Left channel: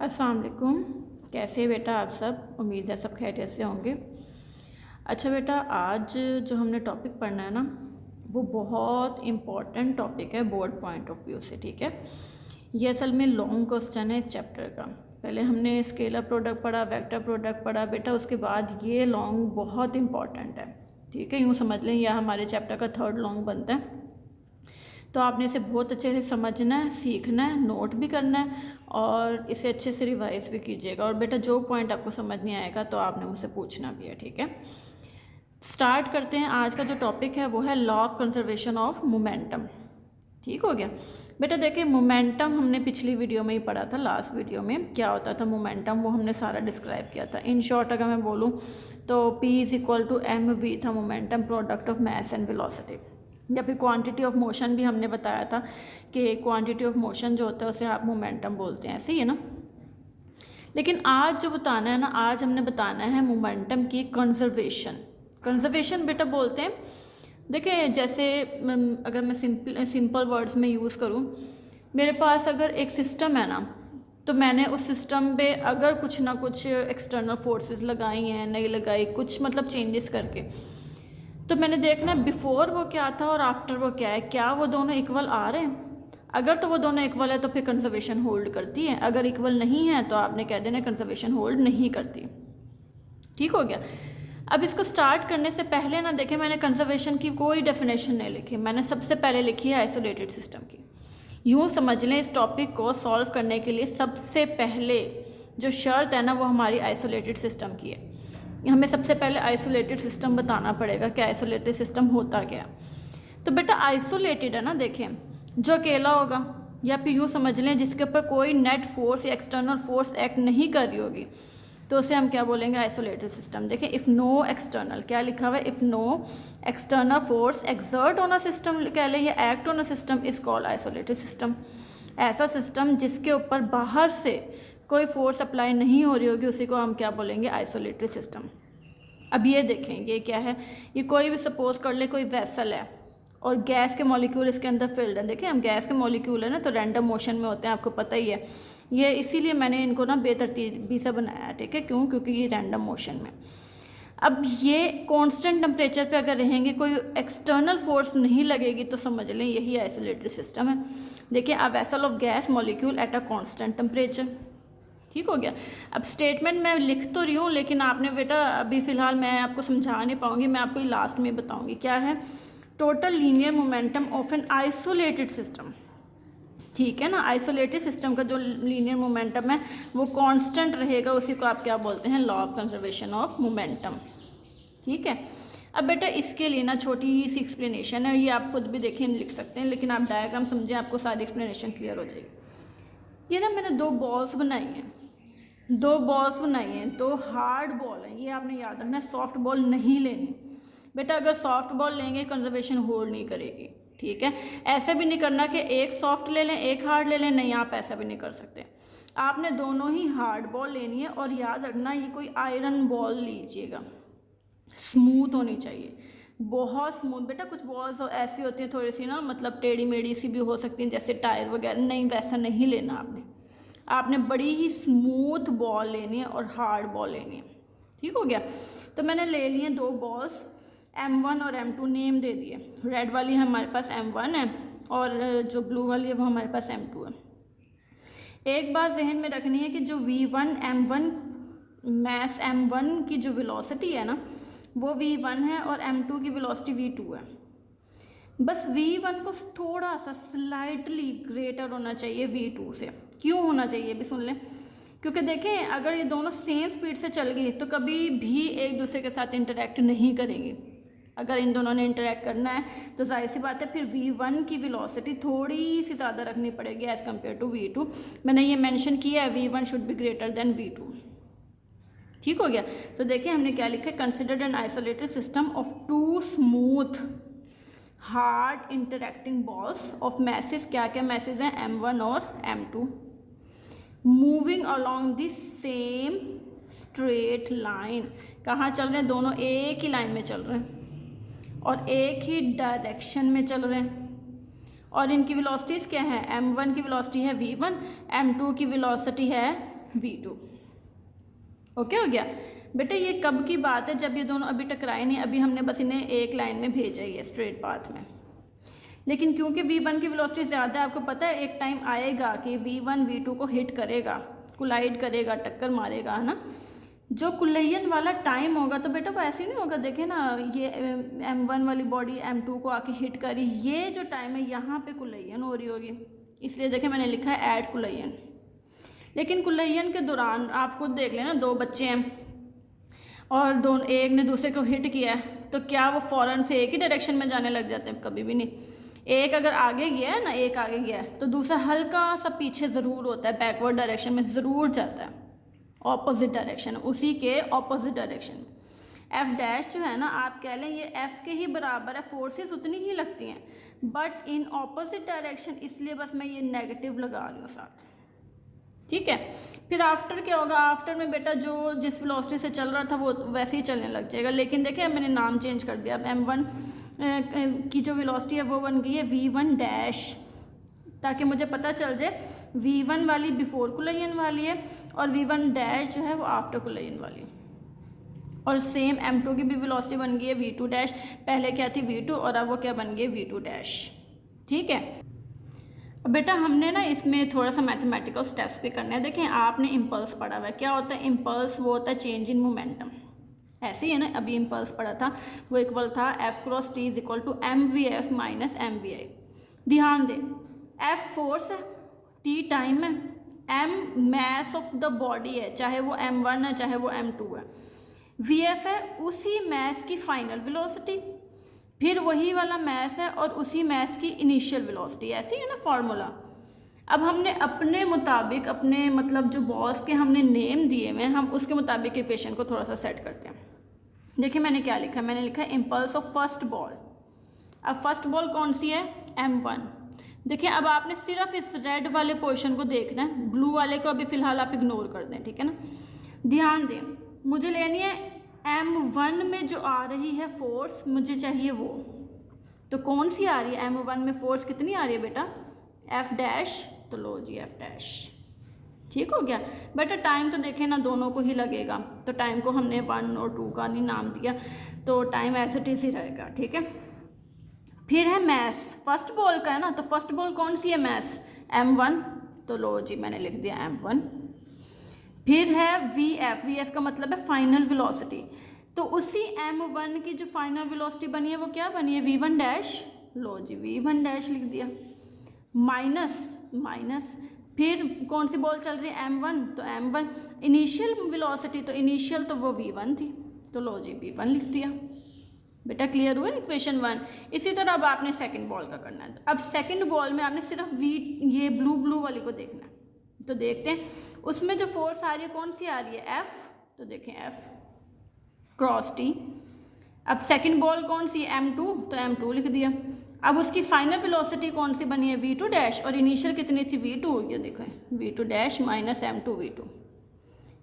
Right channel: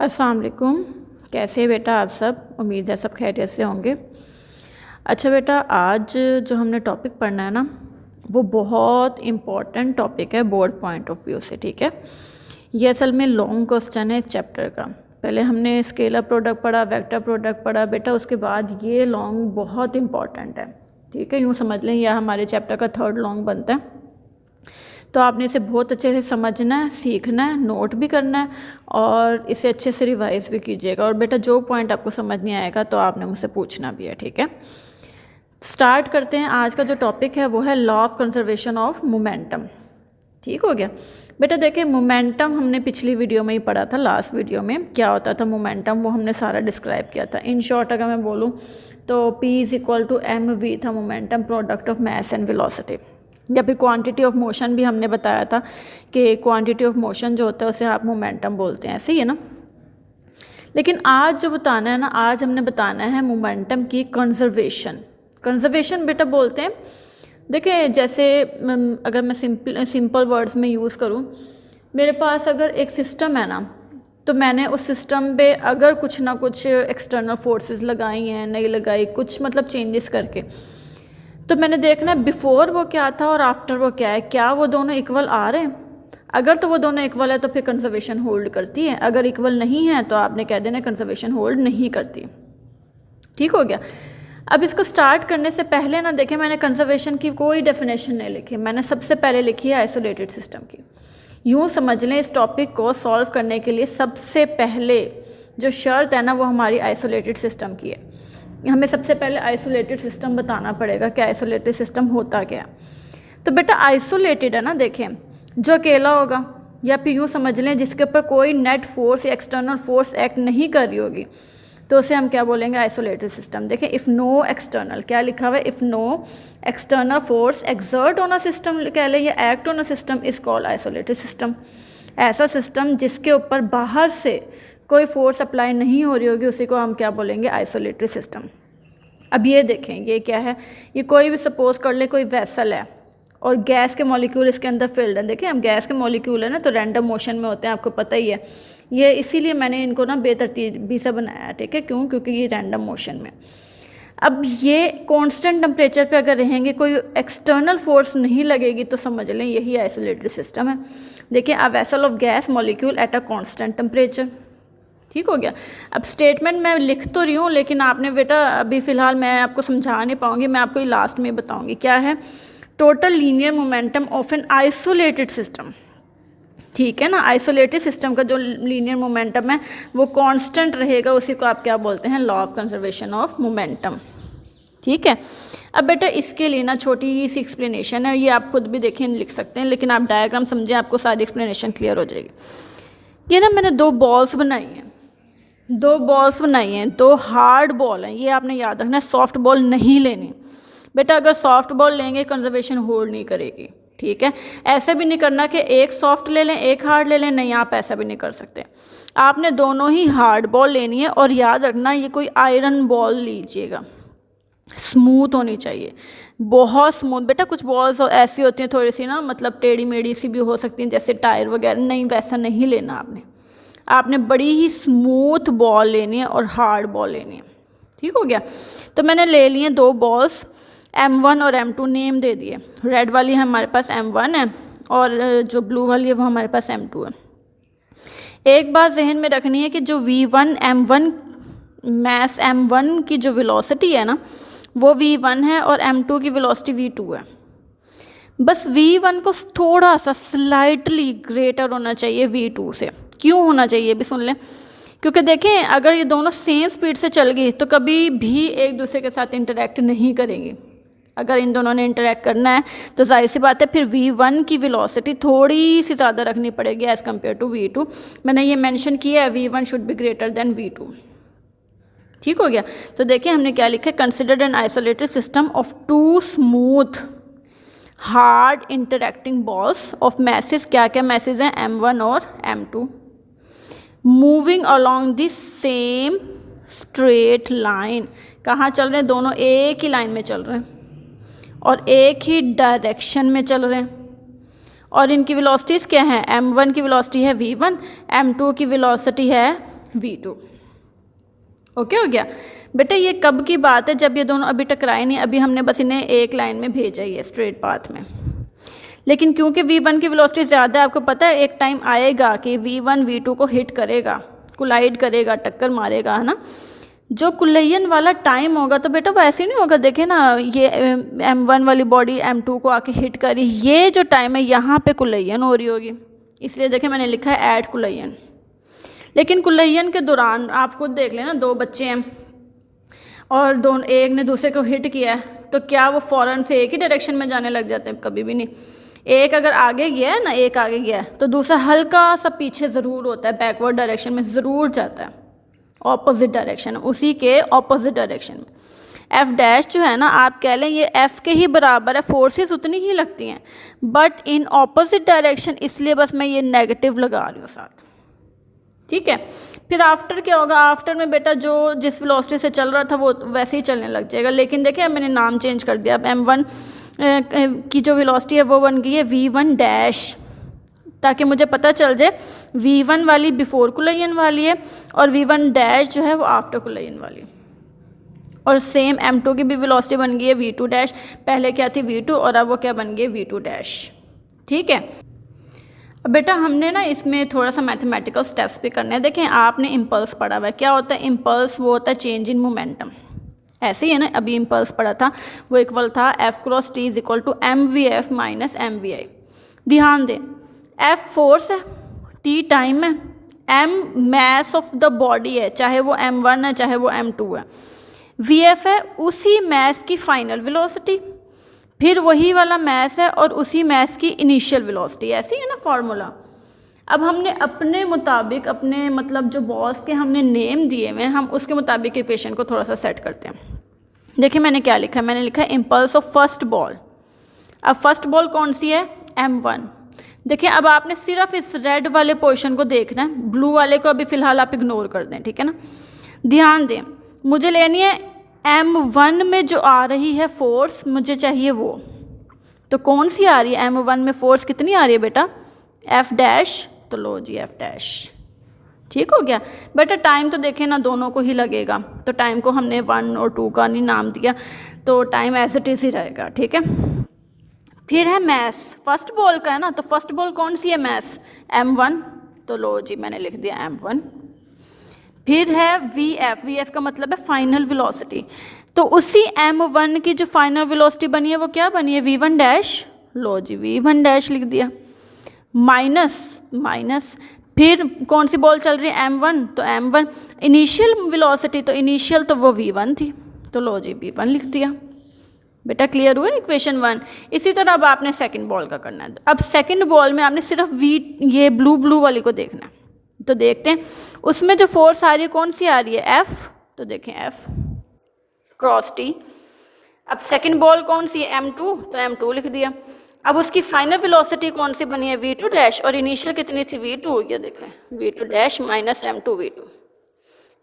अस्सलाम वालेकुम। कैसे हैं बेटा आप सब? उम्मीद है सब खैरियत से होंगे। अच्छा बेटा, आज जो हमने टॉपिक पढ़ना है ना, वो बहुत इम्पॉर्टेंट टॉपिक है बोर्ड पॉइंट ऑफ व्यू से। ठीक है, ये असल में लॉन्ग क्वेश्चन है इस चैप्टर का। पहले हमने स्केलर प्रोडक्ट पढ़ा, वेक्टर प्रोडक्ट पढ़ा बेटा, उसके बाद ये लॉन्ग बहुत इम्पॉर्टेंट है। ठीक है, यूँ समझ लें यह हमारे चैप्टर का थर्ड लॉन्ग बनता है। तो आपने इसे बहुत अच्छे से समझना है, सीखना है, नोट भी करना है और इसे अच्छे से रिवाइज भी कीजिएगा। और बेटा जो पॉइंट आपको समझ नहीं आएगा तो आपने मुझसे पूछना भी है। ठीक है, स्टार्ट करते हैं। आज का जो टॉपिक है वो है law of conservation of momentum. ठीक हो गया बेटा। देखिए, मोमेंटम हमने पिछली वीडियो में ही पढ़ा था। लास्ट वीडियो में क्या होता था मोमेंटम, वो हमने सारा डिस्क्राइब किया था। इन शॉर्ट अगर मैं बोलूँ तो P = mv था momentum, product of mass and velocity. या फिर क्वांटिटी ऑफ मोशन भी हमने बताया था कि क्वांटिटी ऑफ मोशन जो होता है उसे आप मोमेंटम बोलते हैं, ऐसे ही है ना। लेकिन आज जो बताना है ना, आज हमने बताना है मोमेंटम की कंजर्वेशन। कंजर्वेशन बेटा बोलते हैं, देखिए जैसे अगर मैं सिंपल वर्ड्स में यूज़ करूँ, मेरे पास अगर एक सिस्टम है ना, तो मैंने उस सिस्टम पे अगर कुछ ना कुछ एक्सटर्नल फोर्सेस लगाई हैं, नहीं लगाई, कुछ मतलब चेंजेस करके, तो मैंने देखना है बिफोर वो क्या था और आफ्टर वो क्या है, क्या वो दोनों इक्वल आ रहे हैं। अगर तो वो दोनों इक्वल है तो फिर कंजर्वेशन होल्ड करती है, अगर इक्वल नहीं है तो आपने कह देना कंजर्वेशन होल्ड नहीं करती। ठीक हो गया। अब इसको स्टार्ट करने से पहले ना देखें, मैंने कंजर्वेशन की कोई डेफिनेशन नहीं लिखी, मैंने सबसे पहले लिखी है आइसोलेटेड सिस्टम की। यूँ समझ लें, इस टॉपिक को सॉल्व करने के लिए सबसे पहले जो शर्त है ना वो हमारी आइसोलेटेड सिस्टम की है। हमें सबसे पहले आइसोलेटेड सिस्टम बताना पड़ेगा कि आइसोलेटेड सिस्टम होता क्या है। तो बेटा आइसोलेटेड है ना, देखें जो अकेला होगा, या फिर यूँ समझ लें जिसके ऊपर कोई नेट फोर्स या एक्सटर्नल फोर्स एक्ट नहीं कर रही होगी, तो उसे हम क्या बोलेंगे, आइसोलेटेड सिस्टम। देखें, इफ़ नो एक्सटर्नल, क्या लिखा हुआ है, if no external force exert on a system कह लें या act on a system is called isolated system. ऐसा सिस्टम जिसके ऊपर बाहर से कोई फोर्स अप्लाई नहीं हो रही होगी उसी को हम क्या बोलेंगे, आइसोलेटेड सिस्टम। अब ये देखें, ये क्या है, ये कोई भी सपोज कर ले कोई वेसल है और गैस के मॉलिक्यूल इसके अंदर फिल्ड है। देखिए हम गैस के मॉलिक्यूल है ना, तो रैंडम मोशन में होते हैं, आपको पता ही है। ये इसीलिए मैंने इनको ना बेतरतीबी से बनाया है। ठीक है, क्यों? क्योंकि ये रैंडम मोशन में। अब ये कांस्टेंट टेम्परेचर पे अगर रहेंगे, कोई एक्सटर्नल फोर्स नहीं लगेगी, तो समझ लें यही आइसोलेटेड सिस्टम है। देखिए, a vessel of gas molecule at a constant temperature. ठीक हो गया। अब स्टेटमेंट मैं लिख तो रही हूँ, लेकिन आपने बेटा अभी फ़िलहाल मैं आपको समझा नहीं पाऊँगी, मैं आपको लास्ट में बताऊँगी। क्या है, total linear momentum of N isolated system. ठीक है ना, आइसोलेटेड सिस्टम का जो लीनियर मोमेंटम है वो कांस्टेंट रहेगा, उसी को आप क्या बोलते हैं, law of conservation of momentum. ठीक है। अब बेटा इसके लिए ना छोटी सी एक्सप्लेनेशन है, ये आप खुद भी देखें लिख सकते हैं, लेकिन आप डायग्राम समझें, आपको सारी एक्सप्लेनेशन क्लियर हो जाएगी। ये ना मैंने दो बॉल्स बनाई हैं, दो हार्ड बॉल हैं। ये आपने याद रखना है, सॉफ्ट बॉल नहीं लेनी बेटा। अगर सॉफ्ट बॉल लेंगे कंजर्वेशन होल्ड नहीं करेगी। ठीक है, ऐसे भी नहीं करना कि एक सॉफ्ट ले लें एक हार्ड ले लें, नहीं, आप ऐसा भी नहीं कर सकते। आपने दोनों ही हार्ड बॉल लेनी है और याद रखना ये कोई आयरन बॉल लीजिएगा, स्मूथ होनी चाहिए, बहुत स्मूथ। बेटा कुछ बॉल्स ऐसी होती हैं थोड़ी सी ना, मतलब टेढ़ी मेढ़ी सी भी हो सकती हैं, जैसे टायर वगैरह, नहीं वैसा नहीं लेना आपने बड़ी ही स्मूथ बॉल लेनी है और हार्ड बॉल लेनी है। ठीक हो गया। तो मैंने ले लिए दो बॉल्स, M1 और M2 नेम दे दिए। रेड वाली हमारे पास M1 है और जो ब्लू वाली है वो हमारे पास M2 है। एक बात जहन में रखनी है कि जो V1 M1 मैस M1 की जो वेलोसिटी है ना वो V1 है और M2 की वेलोसिटी V2 है। बस V1 को थोड़ा सा स्लाइटली ग्रेटर होना चाहिए V2 से। क्यों होना चाहिए भी सुन लें, क्योंकि देखें अगर ये दोनों सेम स्पीड से चल गई तो कभी भी एक दूसरे के साथ इंटरेक्ट नहीं करेंगी। अगर इन दोनों ने इंटरेक्ट करना है तो जाहिर सी बात है फिर V1 की वेलोसिटी थोड़ी सी ज़्यादा रखनी पड़ेगी एज़ कम्पेयर टू V2। मैंने ये मेंशन किया है, V1 should be greater than V2। ठीक हो गया। तो देखिए हमने क्या लिखा है, considered an isolated system of two smooth hard interacting balls of masses, क्या क्या मैसेज हैं, M1 और M2, moving along the same straight line. कहाँ चल रहे हैं, दोनों एक ही लाइन में चल रहे हैं और एक ही डायरेक्शन में चल रहे हैं। और इनकी वेलोसिटीज़ क्या हैं, M1 की वेलोसिटी है V1, M2 की वेलोसिटी है V2। ओके हो गया बेटा। ये कब की बात है? जब ये दोनों अभी टकराए नहीं, अभी हमने बस इन्हें एक लाइन में भेजा ही है स्ट्रेट पाथ में। लेकिन क्योंकि V1 की वेलोसिटी ज़्यादा है, आपको पता है एक टाइम आएगा कि V1 V2 को हिट करेगा, कोलाइड करेगा, टक्कर मारेगा, है ना। जो कुलयन वाला टाइम होगा तो बेटा वो ऐसे नहीं होगा। देखे ना, ये M1 वाली बॉडी M2 को आके हिट करी, ये जो टाइम है यहाँ पे कुलयन हो रही होगी, इसलिए देखें मैंने लिखा है एट कुलयन। लेकिन कुलयन के दौरान आप खुद देख लेना, दो बच्चे हैं और दोनों, एक ने दूसरे को हिट किया है, तो क्या वो फ़ौरन से एक ही डायरेक्शन में जाने लग जाते हैं? कभी भी नहीं। एक अगर आगे गया है ना, एक आगे गया है, तो दूसरा हल्का सा पीछे ज़रूर होता है, बैकवर्ड डायरेक्शन में ज़रूर जाता है, ऑपोजिट डायरेक्शन, उसी के ऑपोजिट डायरेक्शन में। एफ डैश जो है ना, आप कह लें ये एफ़ के ही बराबर है, फोर्सेस उतनी ही लगती हैं बट इन ऑपोजिट डायरेक्शन, इसलिए बस मैं ये नेगेटिव लगा रही हूँ साथ। ठीक है। फिर आफ्टर क्या होगा? आफ्टर में बेटा जो जिस वेलोसिटी से चल रहा था वो वैसे ही चलने लग जाएगा। लेकिन देखिए मैंने नाम चेंज कर दिया, अब M1 की जो वेलोसिटी है वो बन गई है V1 डैश, ताकि मुझे पता चल जाए V1 वाली बिफोर कुलयन वाली है और V1 डैश जो है वो आफ्टर कुलयन वाली। और सेम M2 की भी वेलोसिटी बन गई है V2 डैश, पहले क्या थी V2 और अब वो क्या बन गई V2 डैश। ठीक है। अब बेटा हमने ना इसमें थोड़ा सा मैथमेटिकल स्टेप्स भी करने हैं। देखें आपने इम्पल्स पढ़ा हुआ है, क्या होता है इम्पल्स? वो होता है चेंज इन मोमेंटम। ऐसे ही है ना, अभी इम्पल्स पढ़ा था, वो इक्वल था F cross T is equal to MVF minus MVI। ध्यान दें, F फोर्स है, T टाइम है, M mass of the body है, चाहे वो M1 है चाहे वो M2 है, VF है उसी मैस की फाइनल वेलोसिटी, फिर वही वाला मैस है और उसी मैस की इनिशियल वेलोसिटी। ऐसे ही है ना फार्मूला। अब हमने अपने मुताबिक, अपने मतलब जो बॉल्स के हमने नेम दिए हुए हैं, हम उसके मुताबिक इक्वेशन को थोड़ा सा सेट करते हैं। देखिए मैंने क्या लिखा है, मैंने लिखा है इम्पल्स ऑफ फर्स्ट बॉल। अब फर्स्ट बॉल कौन सी है? M1। देखिए अब आपने सिर्फ इस रेड वाले पोर्शन को देखना है, ब्लू वाले को अभी फ़िलहाल आप इग्नोर कर दें, ठीक है ना। ध्यान दें, मुझे लेनी है M1 में जो आ रही है फोर्स, मुझे चाहिए वो। तो कौन सी आ रही है M1 में फोर्स? कितनी आ रही है बेटा? F dash. तो लो जी F डैश। ठीक हो गया बेटा। टाइम तो देखें ना दोनों को ही लगेगा, तो टाइम को हमने 1 और 2 का नहीं नाम दिया, तो टाइम एज इट इज़ ही रहेगा। ठीक है। फिर है मैस, फर्स्ट बॉल का है ना, तो फर्स्ट बॉल कौन सी है? Mess M1। तो लो जी मैंने लिख दिया M1। फिर है VF, VF का मतलब है फाइनल वेलोसिटी, तो उसी M1 की जो फाइनल वेलोसिटी बनी है वो क्या बनी है? V1 dash. लो जी V1 डैश लिख दिया, माइनस माइनस, फिर कौन सी बॉल चल रही है? M1, तो M1 इनिशियल वेलोसिटी, तो इनिशियल तो वो V1 थी, तो लो जी V1 लिख दिया। बेटा क्लियर हुआ इक्वेशन 1। इसी तरह अब आपने सेकंड बॉल का करना है। अब सेकंड बॉल में आपने सिर्फ ये ब्लू वाली को देखना है, तो देखते हैं उसमें जो फोर्स आ रही है कौन सी आ रही है? F। तो देखें F क्रॉस T। अब सेकंड बॉल कौन सी है? M2, तो M2 लिख दिया। अब उसकी फाइनल वेलोसिटी कौन सी बनी है? V2 डैश, और इनिशियल कितनी थी? V2। ये देखें V2 dash minus M2 V2।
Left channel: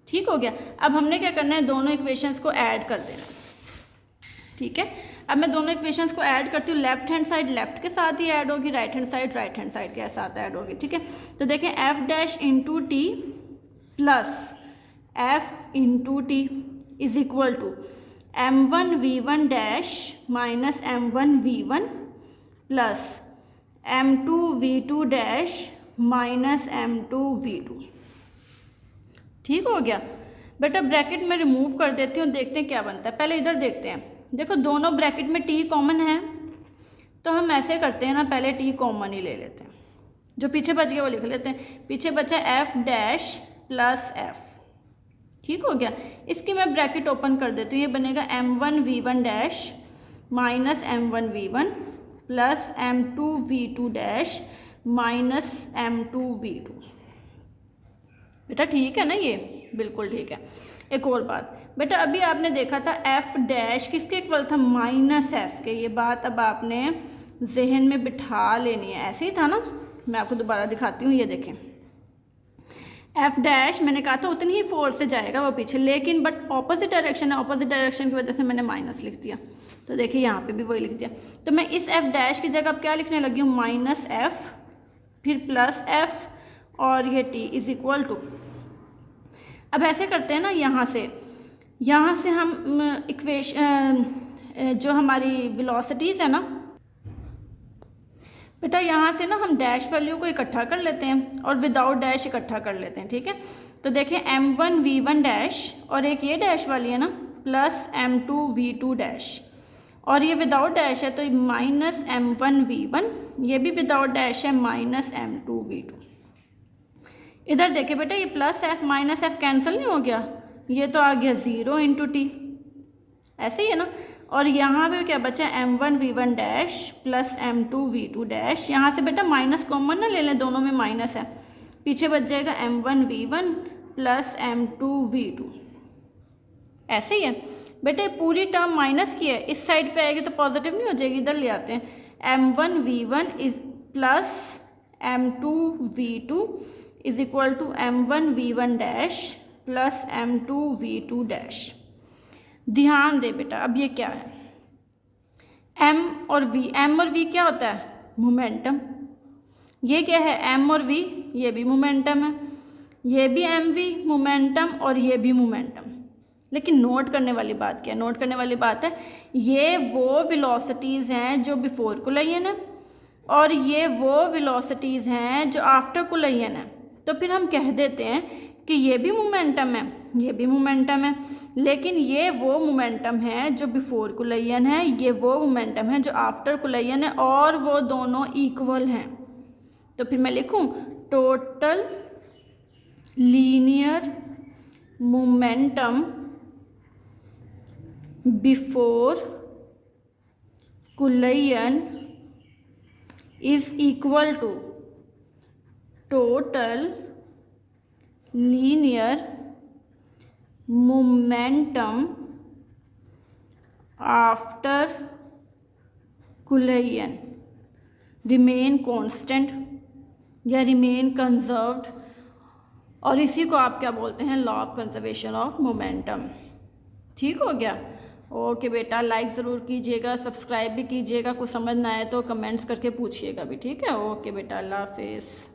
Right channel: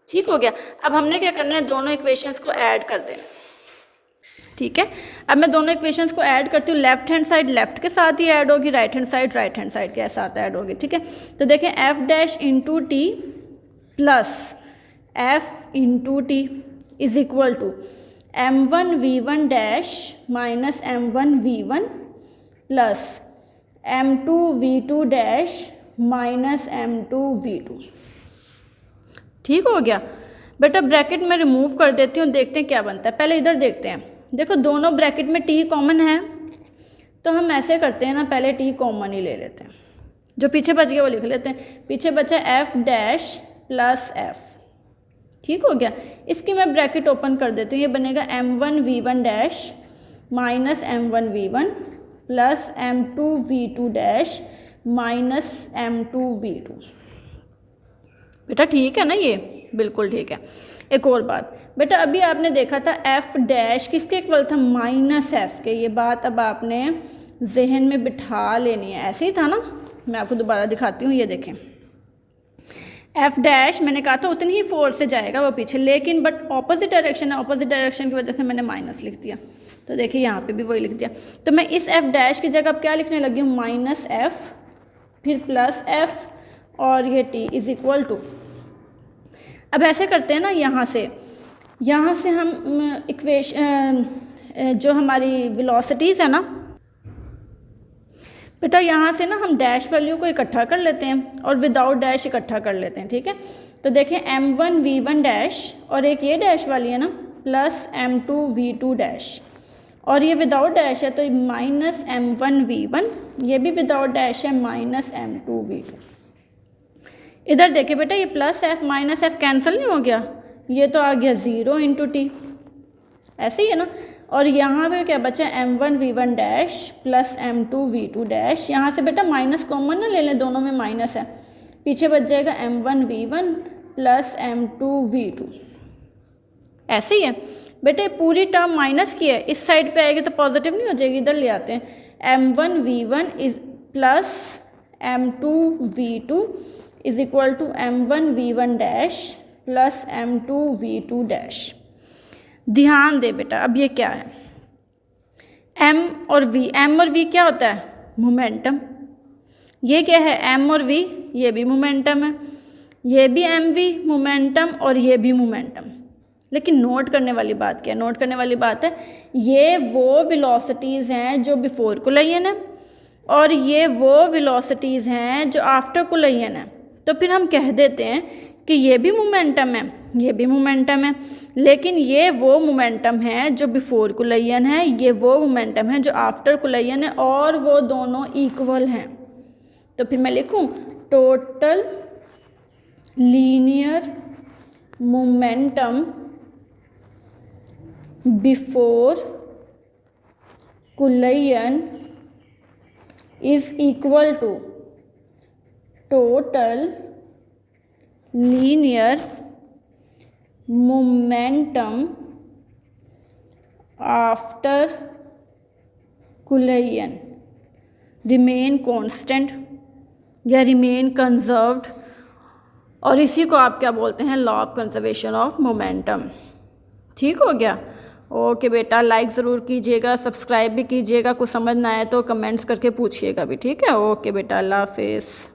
ठीक हो गया। अब हमने क्या करना है? दोनों इक्वेशंस को ऐड कर देना। ठीक है। अब मैं दोनों इक्वेशंस को ऐड करती हूँ, लेफ्ट हैंड साइड लेफ्ट के साथ ही ऐड होगी, राइट हैंड साइड के साथ ऐड होगी। ठीक है। तो देखें F dash into T plus F into T is equal to M1 V1 dash minus M1 V1 प्लस M2 V2 dash minus M2 V2। ठीक हो गया बेटा। ब्रैकेट में रिमूव कर देती हूँ, देखते हैं क्या बनता है। पहले इधर देखते हैं। देखो दोनों ब्रैकेट में T कॉमन है, तो हम ऐसे करते हैं ना, पहले T कॉमन ही ले लेते हैं, जो पीछे बच गया वो लिख लेते हैं। पीछे बचा F डैश प्लस F। ठीक हो गया। इसकी मैं ब्रैकेट ओपन कर देती हूँ, ये बनेगा M1 V1 dash minus M1 V1 प्लस M2 V2 dash minus M2 V2। बेटा ठीक है ना, ये बिल्कुल ठीक है। एक और बात बेटा, अभी आपने देखा था F डैश किसके इक्वल था? माइनस F के। ये बात अब आपने जहन में बिठा लेनी है, ऐसे ही था ना। मैं आपको दोबारा दिखाती हूँ, ये देखें F डैश मैंने कहा था उतनी ही फोर्स से जाएगा वो पीछे, लेकिन बट ऑपोजिट डायरेक्शन है, ऑपोजिट डायरेक्शन की वजह से मैंने माइनस लिख दिया। तो देखिए यहाँ पे भी वही लिख दिया। तो मैं इस F डैश की जगह अब क्या लिखने लगी हूँ? माइनस F फिर प्लस F और ये T इज इक्वल टू अब ऐसे करते हैं ना, यहाँ से हम इक्वेशन जो हमारी वेलोसिटीज़ है ना बेटा, यहाँ से ना हम डैश वैल्यू को इकट्ठा कर लेते हैं और विदाउट डैश इकट्ठा कर लेते हैं, ठीक है। तो देखें m1v1 डैश और एक ये डैश वाली है ना प्लस m2v2 डैश, और ये विदाउट डैश है तो माइनस m1v1, ये भी विदाउट डैश है माइनस m2v2। इधर देखिए बेटा, ये plus f minus f cancel नहीं हो गया, ये तो आ गया 0 इंटू टी, ऐसे ही है ना। और यहाँ पे क्या बचा, m1v1 dash plus m2v2 dash, यहाँ से बेटा माइनस कॉमन ना ले लें, दोनों में माइनस है, पीछे बच जाएगा m1v1 प्लस m2v2, ऐसे ही है बेटे। पूरी टर्म माइनस की है, इस साइड पे आएगी तो पॉजिटिव नहीं हो जाएगी, इधर ले आते हैं। m1v1 is plus m2v2 is equal to m1v1 dash plus m2v2 dash. ध्यान दे बेटा, अब ये क्या है, m और v क्या होता है, मोमेंटम। ये क्या है, m और v, ये भी मोमेंटम है, ये भी mv मोमेंटम और ये भी मोमेंटम। लेकिन नोट करने वाली बात क्या है, नोट करने वाली बात है ये वो वेलोसिटीज़ हैं जो बिफोर कोलिजन है और ये वो वेलोसिटीज़ हैं जो आफ्टर कोलिजन है। तो फिर हम कह देते हैं कि ये भी मोमेंटम है, ये भी मोमेंटम है, लेकिन ये वो मोमेंटम है जो बिफोर कोलिजन है, ये वो मोमेंटम है जो आफ्टर कोलिजन है, और वो दोनों इक्वल हैं। तो फिर मैं लिखूं total linear momentum before collision is equal to total linear momentum after collision remain constant या रिमेन कंजर्व्ड, और इसी को आप क्या बोलते हैं, law of conservation of momentum. ठीक हो गया। ओके बेटा, लाइक ज़रूर कीजिएगा, सब्सक्राइब भी कीजिएगा, कुछ समझ ना आए तो कमेंट्स करके पूछिएगा भी, ठीक है। ओके बेटा, अल्लाह हाफिज़।